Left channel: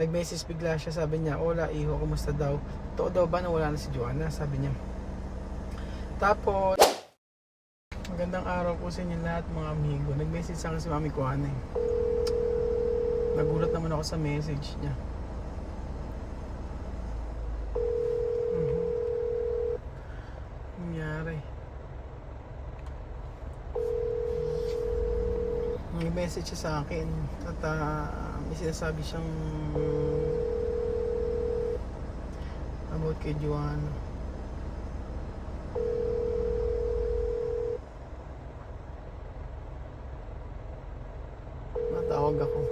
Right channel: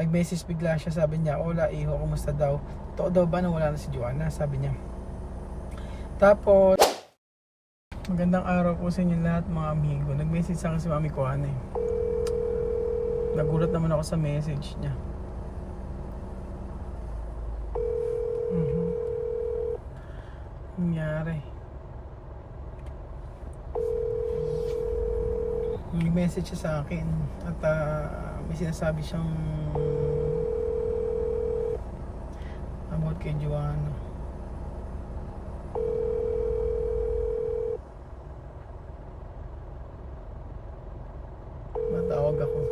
nag-message bigla siya, sabi niya, "Hola, iho, kumusta daw? Totoo daw ba na wala na si Joanna?" Sabi niya. Tapos, magandang araw po sa inyo lahat mga amigo. Nag-message sa akin si Mami Kuana eh. Nagulat naman ako sa message niya. Nangyari. May message siya sa akin at may sinasabi siyang about kay Joanna. Matawag ako.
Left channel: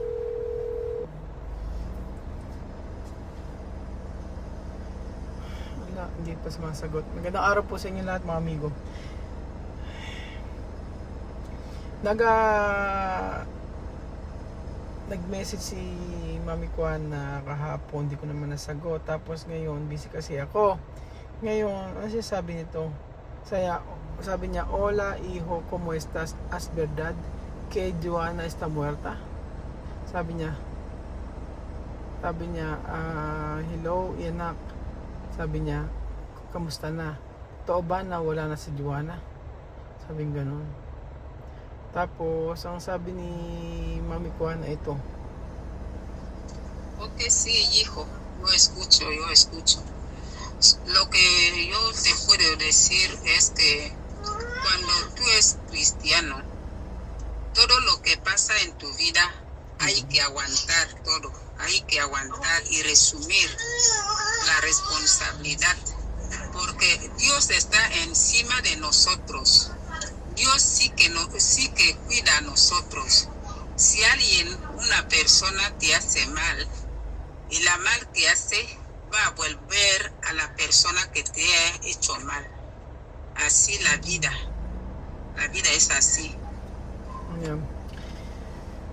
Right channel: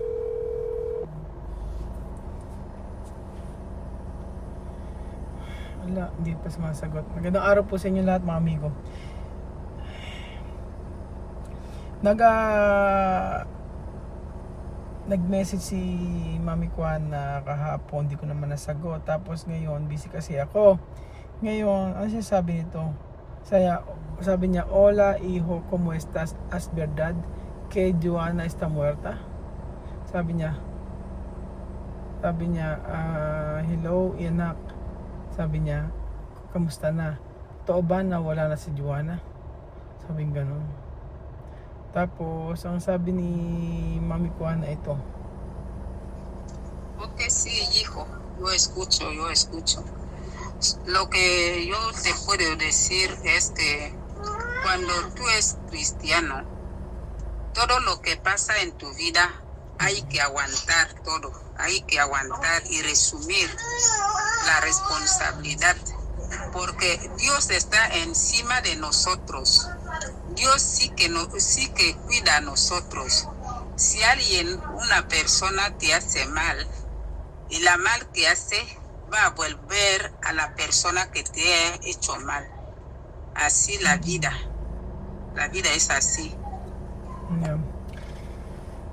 Wala, hindi pa sumasagot. Magandang araw po sa inyo lahat mga amigo. Nag-message si Mami Kwan na kahapon, hindi ko naman nasagot. Tapos ngayon, busy kasi ako. Ngayon, ano siya sabi nito? Sabi niya, "Hola, hijo, ¿cómo estás? ¿Es verdad que Joanna está muerta?" Sabi niya, "Hello, anak." Sabi niya, "Kamusta na? Totoo ba na wala na si Joanna?" Sabing ganun. Tapos, ang sabi ni Mami Kuana ito. Ok, sí, hijo, yo escucho. Lo que yo te puedo decir es que cuando tú eres cristiano, todo lo que pasa en tu vida hay que aguantar todo, hay que aguantar y resumir la responsabilidad, porque Dios está encima de nosotros. Dios sí que cuida a nosotros. Si una persona te hace mal, y la mal que hace va a volver a la persona que te ha hecho mal. Así la vida es así. Yeah.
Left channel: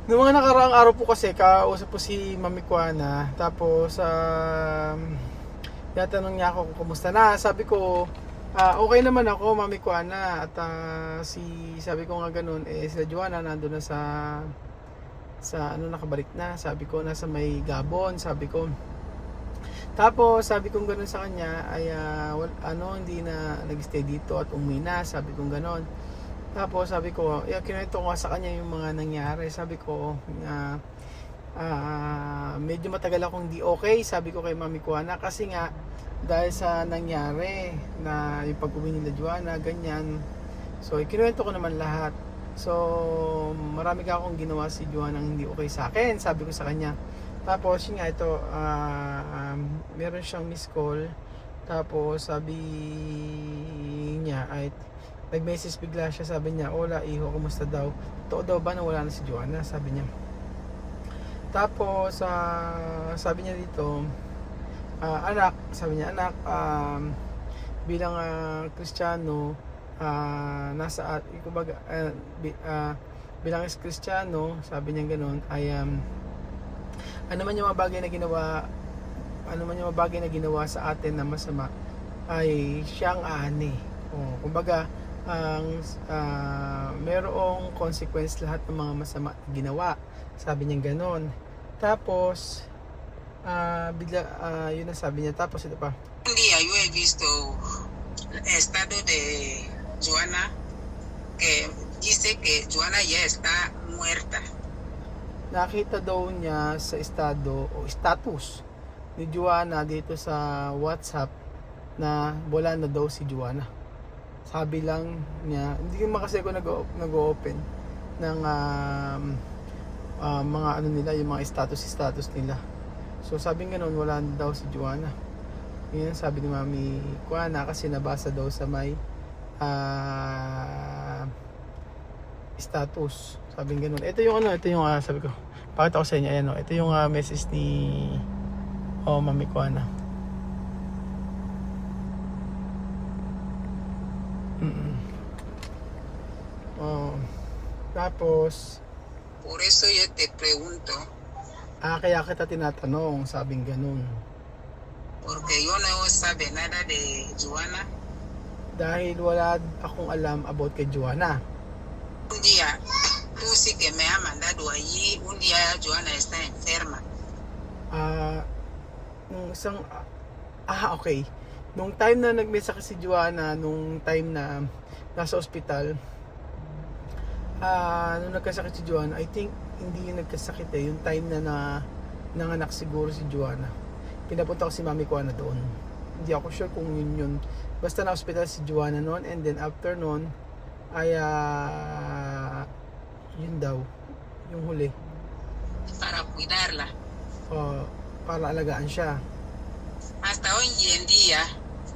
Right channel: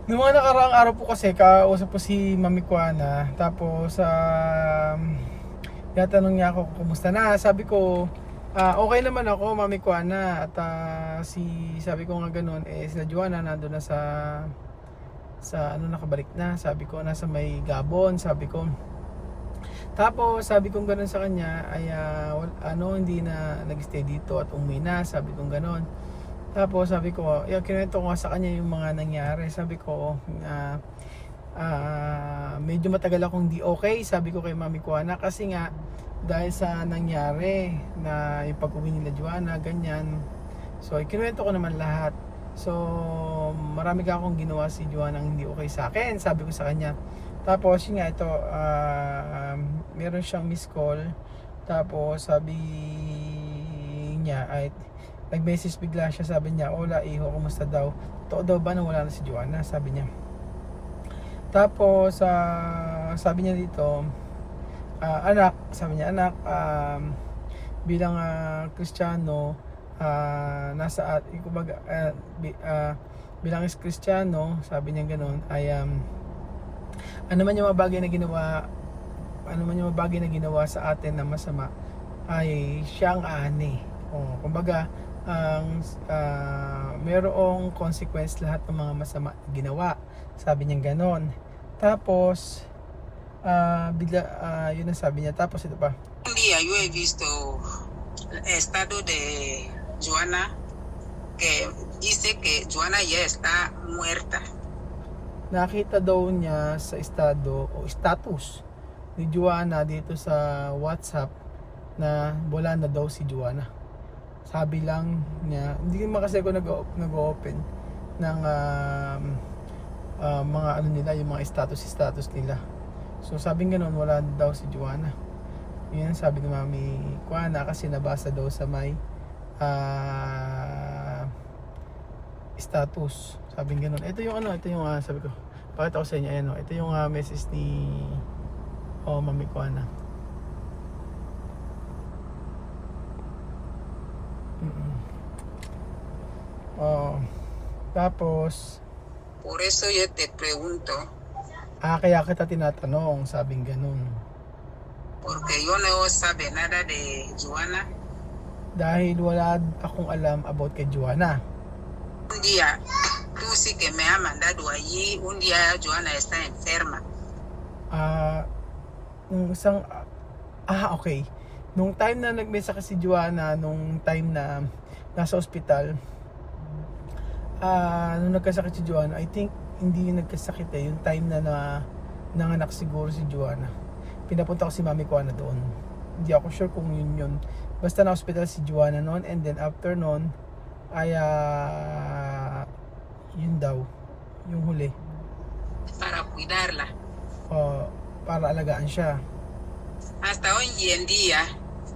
Noong mga nakaraang araw po kasi, kausap po si Mami Kuana. Tapos, yatanong niya ako kung kumusta na. Sabi ko, okay naman ako, Mami Kuana. At sabi ko nga ganun, sila Joanna nandun na sa nakabalik na. Sabi ko, nasa may Gabon, sabi ko. Tapos, sabi ko ganun sa kanya, ay hindi na nag-stay dito at umuwi na. Sabi ko ganun. Tapos sabi ko, kinuwento ko nga sa kanya yung mga nangyari. Sabi ko, medyo matagal akong di okay. Sabi ko kay Mami Kuana, kasi nga dahil sa nangyari na yung pag-uwi nila Joanna, ganyan. So, kinuwento ko naman lahat. So, marami ka akong ginawa si Joanna ang hindi okay sa akin, sabi ko sa kanya. Tapos, yun nga, ito, meron siyang miss call. Tapos, sabi niya, ay nag-message bigla siya, sabi niya, "Hola, iho, kumusta daw? Totoo daw ba na wala na si Joanna?" Sabi niya. Tapos, sabi niya dito, "Anak," sabi niya, "anak, bilang Kristiyano, bilang Kristiyano," sabi niya ganoon, ay ano man yung mga bagay na ginawa sa atin na masama, ay siyang ani. Kumbaga, merong consequence lahat ng mga masama na ginawa. Sabi niya ganon. Tapos, yun ang sabi niya. Tapos ito pa. Un día yo he visto el estado de Joanna que dice que Joanna ya está muerta. Nakita daw niya sa estado o status ni Joanna dito sa WhatsApp na wala na daw si Joanna. Sabi lang niya, hindi naman kasi ako nag-open ng mga ano nila, yung mga status nila. So sabi nga noon, wala daw si Joanna. Yun ang sabi ni Mami Kuana, kasi nabasa daw sa may status. Sabi nga noon. Ito yung sabi ko, pakita ko sa inyo, ayan, ito yung message ni Mami Kuana. Tapos, por eso yo te pregunto, kaya kita tinatanong, sabing ganun. Porque yo no sabe nada de Joanna. Dahil wala akong alam about kay Joanna. Un día, tú sí que me has mandado allí, un día Joanna está enferma. nung isang, okay. Nung time na may sakit si Joanna, nung time na nasa ospital, nung nagkasakit si Joanna, I think hindi yung nagkasakit yung time na nanganak siguro si Joanna. Pinapunta ko si Mami Kuana doon. Hindi ako sure kung yun. Basta na hospital si Joanna noon, and then after noon ay yun daw yung huli. Para cuidarla. Para alagaan siya. Hasta hoy en día,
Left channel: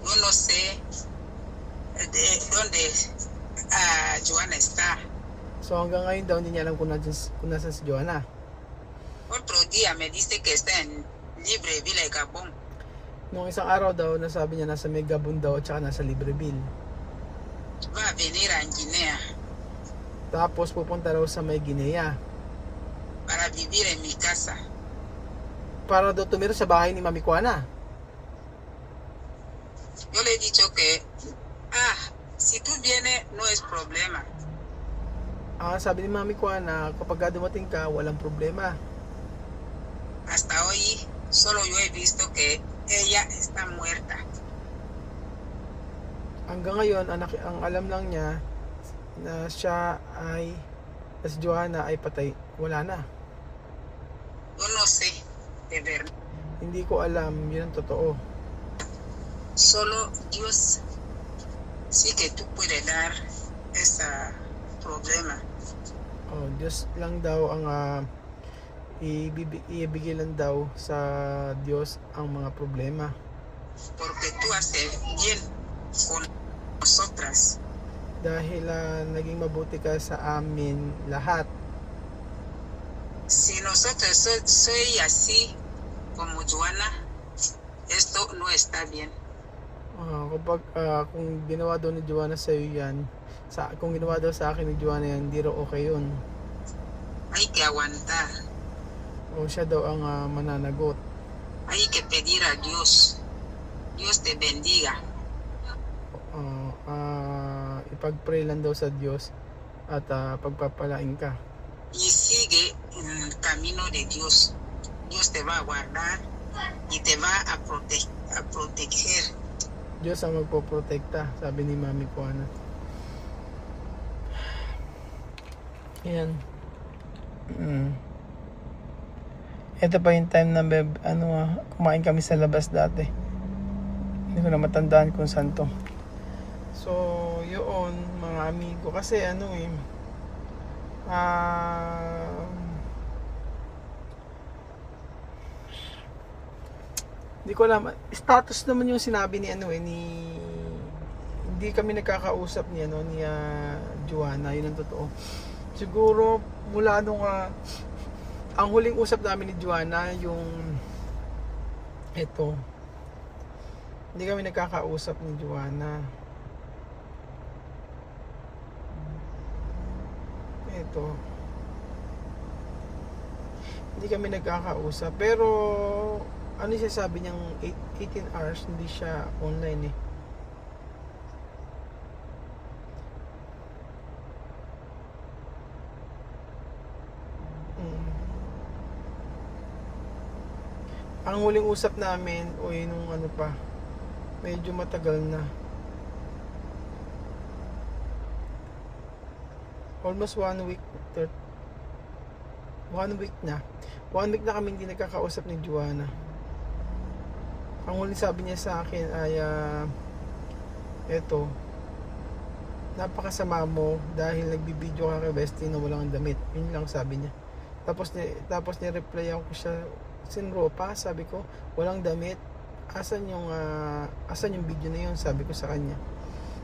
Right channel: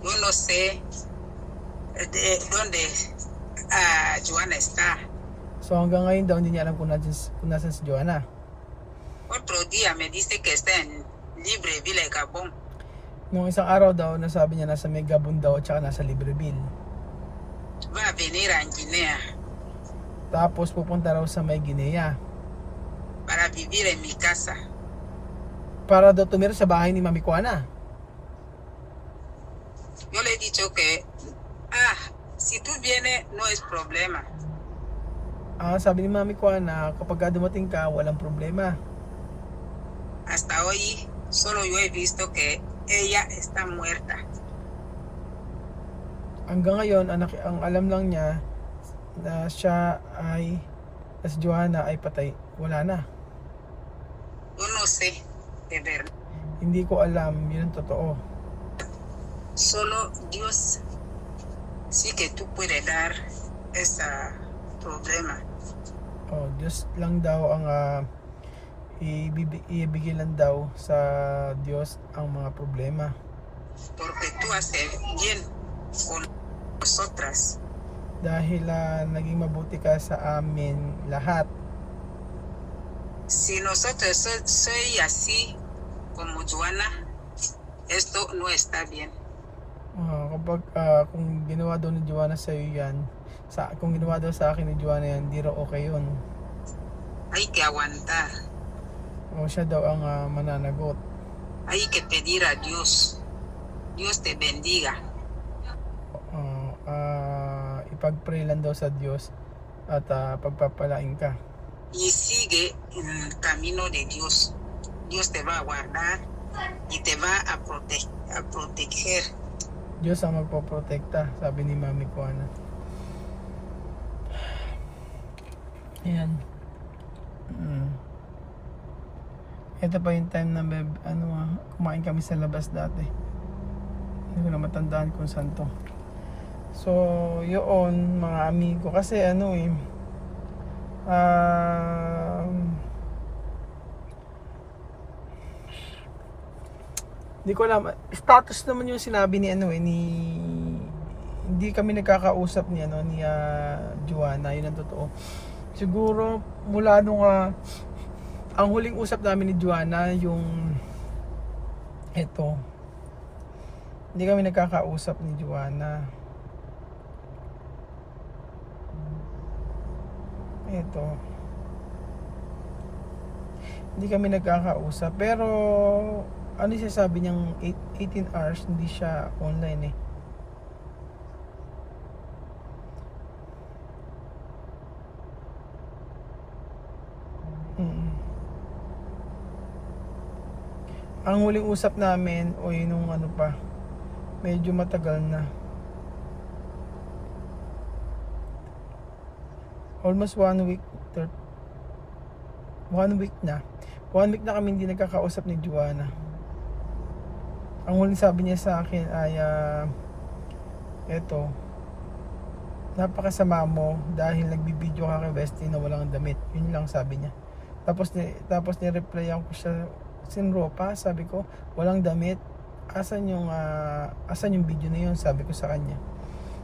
yo no sé de dónde Joana está. So hanggang ngayon daw hindi niya alam kung nasan si Joanna. Otro día me dice que está en Libreville, Gabón. Nung isang araw daw, nasabi niya nasa may Gabon daw at saka nasa Libreville. Va a venir a Guinea Tapos pupunta raw sa may Guinea para vivir en mi casa. para daw tumira sa bahay ni Mami Kuana. Yo le he dicho que, si tú vienes no es problema. Sabi ni Mami Kuana, kapag dumating ka, walang problema. Hasta hoy solo yo he visto que ella está muerta. Hanggang ngayon, ang alam lang niya na si Joanna ay patay. Wala na. Yo no sé, de verdad. Hindi ko alam, yun ang totoo. Solo Dios sí que tú puedes dar ese problema. Diyos lang daw ang ibigay lang daw sa Diyos ang mga problema. Porque tú haces bien con nosotras. Dahil naging mabuti ka sa amin lahat. Si nosotros soy así como Joana, esto no está bien. Kapag kung ginawa daw ni Joanna sa iyo yan, kung ginawa daw sa akin ni Joanna yan, hindi raw okay yun. Hay que aguantar. Siya daw ang mananagot. Hay que pedir a Dios. Dios te bendiga. Ipag-pray lang daw sa Diyos at pagpapalain ka. Y sigue en el camino de Dios. Dios te va a guardar y te va a proteger. Diyos ang magpoprotekta, sabi ni Mami Kuana. Ayan. Ito pa yung time na kumain kami sa labas dati. Hindi ko na matandaan kung saan to. So, yun mga amigo. Kasi hindi ko alam. Status naman yung sinabi ni hindi kami nagkakausap ni Joanna. Yun ang totoo. Siguro mula nung ang huling usap namin ni Joanna yung hindi kami nagkakausap ni Joanna. Hindi kami nagkakausap, pero ano siya sabi niyang 18 hours hindi siya online Ang huling usap namin nung medyo matagal na, almost 1 week na 1 week na kami hindi nagkakausap ni Joanna. Ang huling sabi niya sa akin ay napakasama mo dahil nagbibideo ka kay Bestie na walang damit. Yun lang sabi niya. Tapos ni-replyan ko siya, sinropa, sabi ko, walang damit. Asan yung video na yun, sabi ko sa kanya.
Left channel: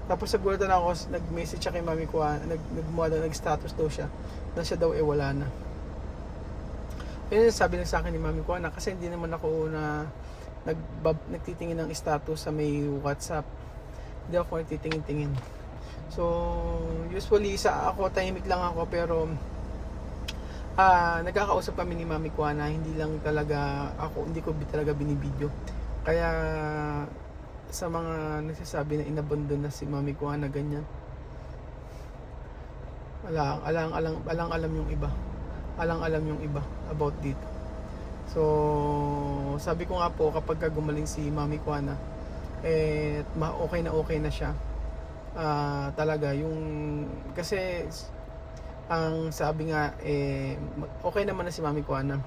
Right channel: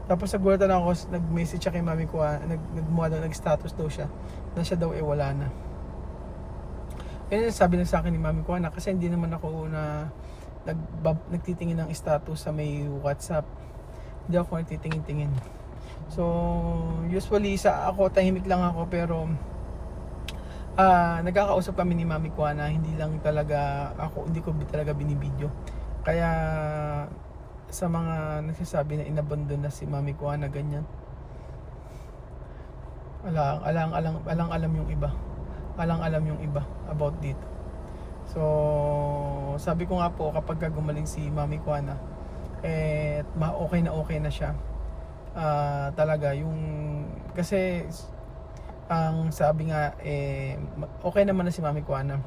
Tapos nagulatan ako, nag-message siya kay Mami ko, nag-status daw siya na siya daw wala na. Yun yung sabi niya sa akin ni Mami ko, kasi hindi naman ako nagtitingin ng status sa may WhatsApp. Hindi ako nagtitingin-tingin. So, usually ako tahimik lang ako, pero nagkakausap kami ni Mami Kuana, hindi ko talaga binibideo. Kaya sa mga nagsasabi na inabandon na si Mami Kuana ganyan, alang alam yung iba about dito. So sabi ko nga po kapag gumaling si Mami Kuana, okay na siya. Talaga yung kasi ang sabi nga okay naman na si Mami Kuana.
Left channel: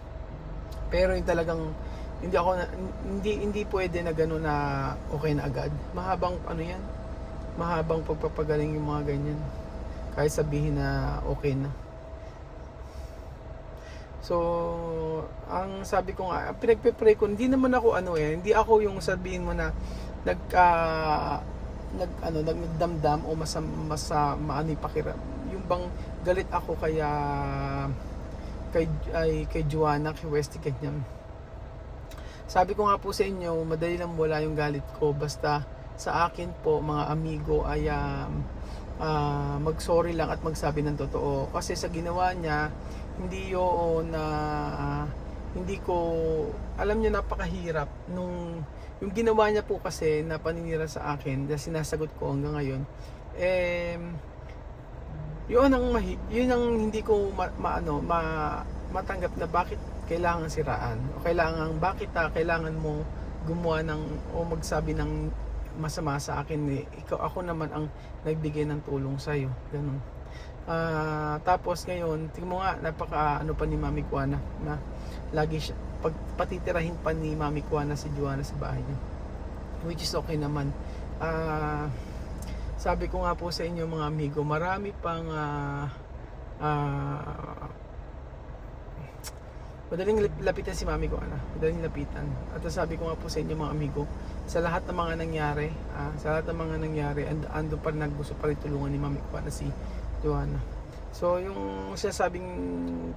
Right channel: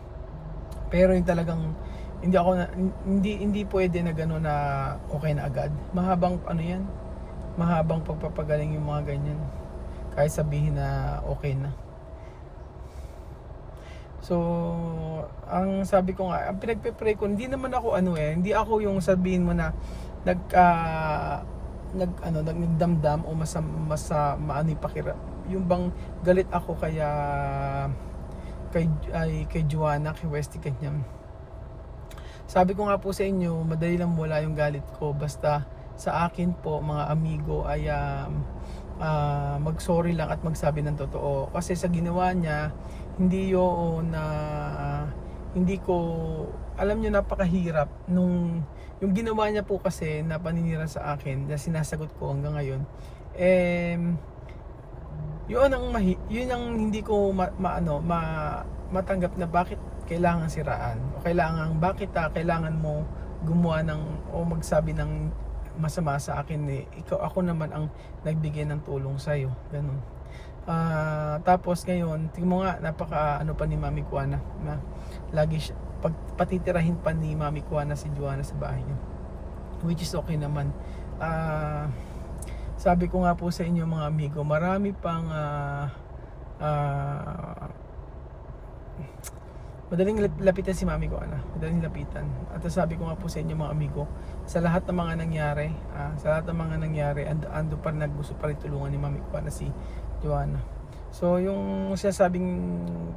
Pero yung talagang hindi pwede na gano'n na okay na agad. Mahabang ano yan, mahabang pagpapagaling yung mga ganyan. Kahit sabihin na okay na. So, ang sabi ko nga, ang pinagpe-pray ko, hindi naman ako hindi ako yung sabihin mo na nagdamdam o maano yung pakiram. Yung bang galit ako kay Joanna, kay Westy Kanyam. Sabi ko nga po sa inyo, madali lang wala yung galit ko. Basta sa akin po, mga amigo, ay mag-sorry lang at magsabi ng totoo. Kasi sa ginawa niya, hindi yun na hindi ko, alam niyo, napakahirap. Yung ginawa niya po kasi na paninira sa akin, na sinasagot ko hanggang ngayon, yun ang hindi ko matanggap na bakit kailangan siraan o kailangan mo gumawa o magsabi ng masama sa akin. Ako naman ang nagbigay ng tulong sa iyo, ganun. Tapos ngayon tingnan mo nga, napaka pa ni Mami Kuana na lagi siya patitirahin pa ni Mami Kuana si Joanna sa bahay niya, which is okay naman. Sabi ko nga po sa inyo mga amigo, marami pang madaling lapitan si Mami Kuana, madaling lapitan. At sabi ko nga po sa inyo mga amigo, sa lahat ng mga nangyari, ando pa gusto pa rin tulungan ni Mami Kuana si Joanna. So yung sinasabing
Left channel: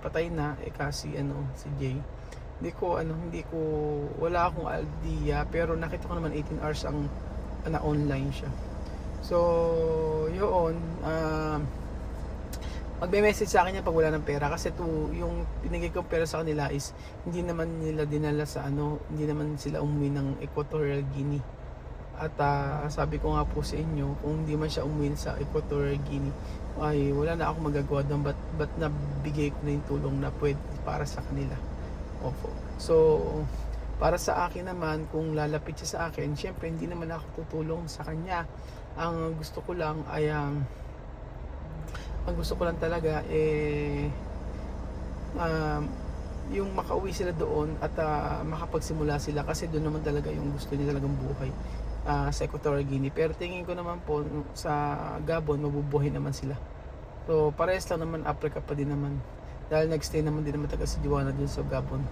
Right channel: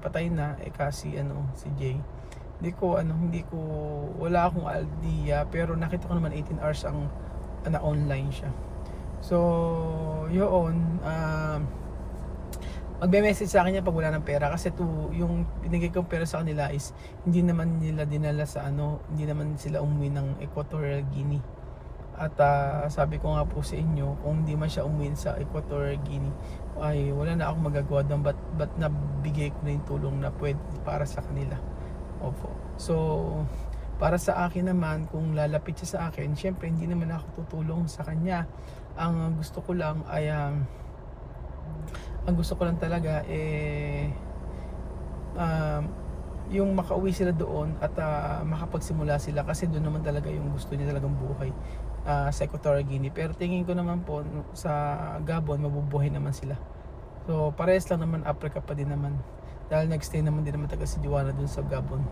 patay na kasi si Jay, wala akong idea, pero nakita ko naman 18 hours ang online siya. So yun, magme-message sa akin yan pag wala ng pera, kasi yung binigay kong pera sa kanila is hindi naman nila dinala sa hindi naman sila umuwi ng Equatorial Guinea. At sabi ko nga po sa inyo, kung hindi man siya umuwi sa Equatorial Guinea, ay wala na akong magagawa doon, but nabigay ko na yung tulong na pwede para sa kanila. Opo. So para sa akin naman, kung lalapit siya sa akin, syempre hindi naman ako tutulong sa kanya. Ang gusto ko lang talaga yung makauwi sila doon at makapagsimula sila, kasi doon naman talaga yung gusto niya talagang buhay, sa Equatorial Guinea. Pero tingin ko naman po sa Gabon mabubuhay naman sila. So parehas lang naman, Africa pa din naman, dahil nagstay naman din naman taga si Joanna doon sa Gabon.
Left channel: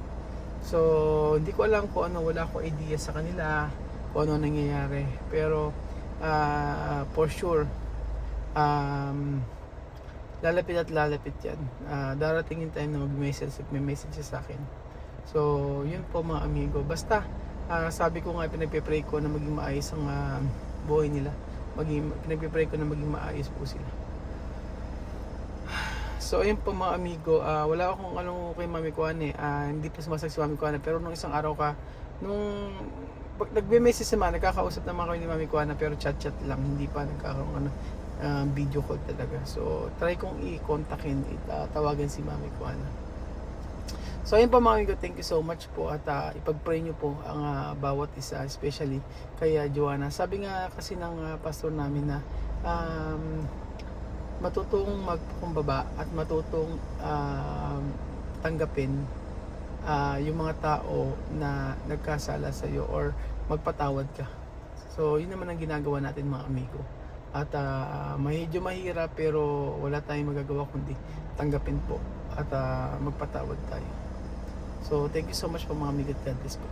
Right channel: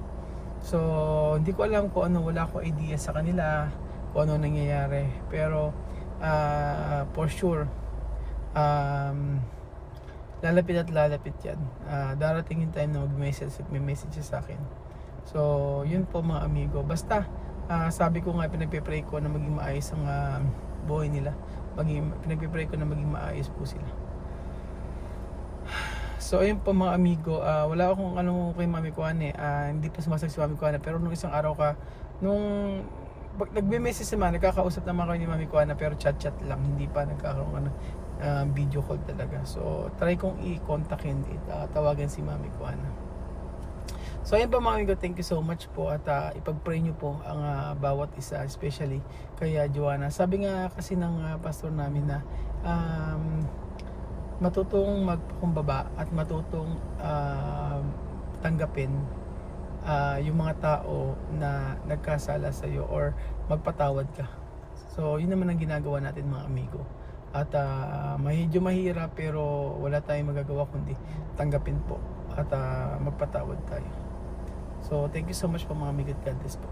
So hindi ko alam kung wala akong idea sa kanila kung ano nangyayari, pero for sure lalapit yan. Darating yung time na may message sa akin. So yun po mga amigo, basta sabi ko nga, pinagpe-pray ko na maging maayos ang buhay nila, pinagpe-pray ko na maging maayos po sila. So ayun po mga amigo, wala akong kay Mami Kuana, hindi pa sumasagot si Mami Kuana, pero nung isang araw nung nagbe-message naman, nagkakausap naman kayo ni Mami Kuana, pero chat lang, hindi pa nagkakaroon video call talaga. So try kong i-contactin, tawagan si Mami Kuana. So ayun po mga amigo, thank you so much po, at ipag-pray nyo po ang bawat isa, especially kay Joanna. Sabi nga kasi ng pastor namin na matutong magpakumbaba at matutong tanggapin yung mga tao na nagkasala sa iyo, or magpatawad ka. So yun naman ang ginagawa natin mga amigo. At medyo mahirap, pero wala tayong magagawa kundi tanggapin po at magpatawad tayo. So thank you so much po mga amigo, God bless po.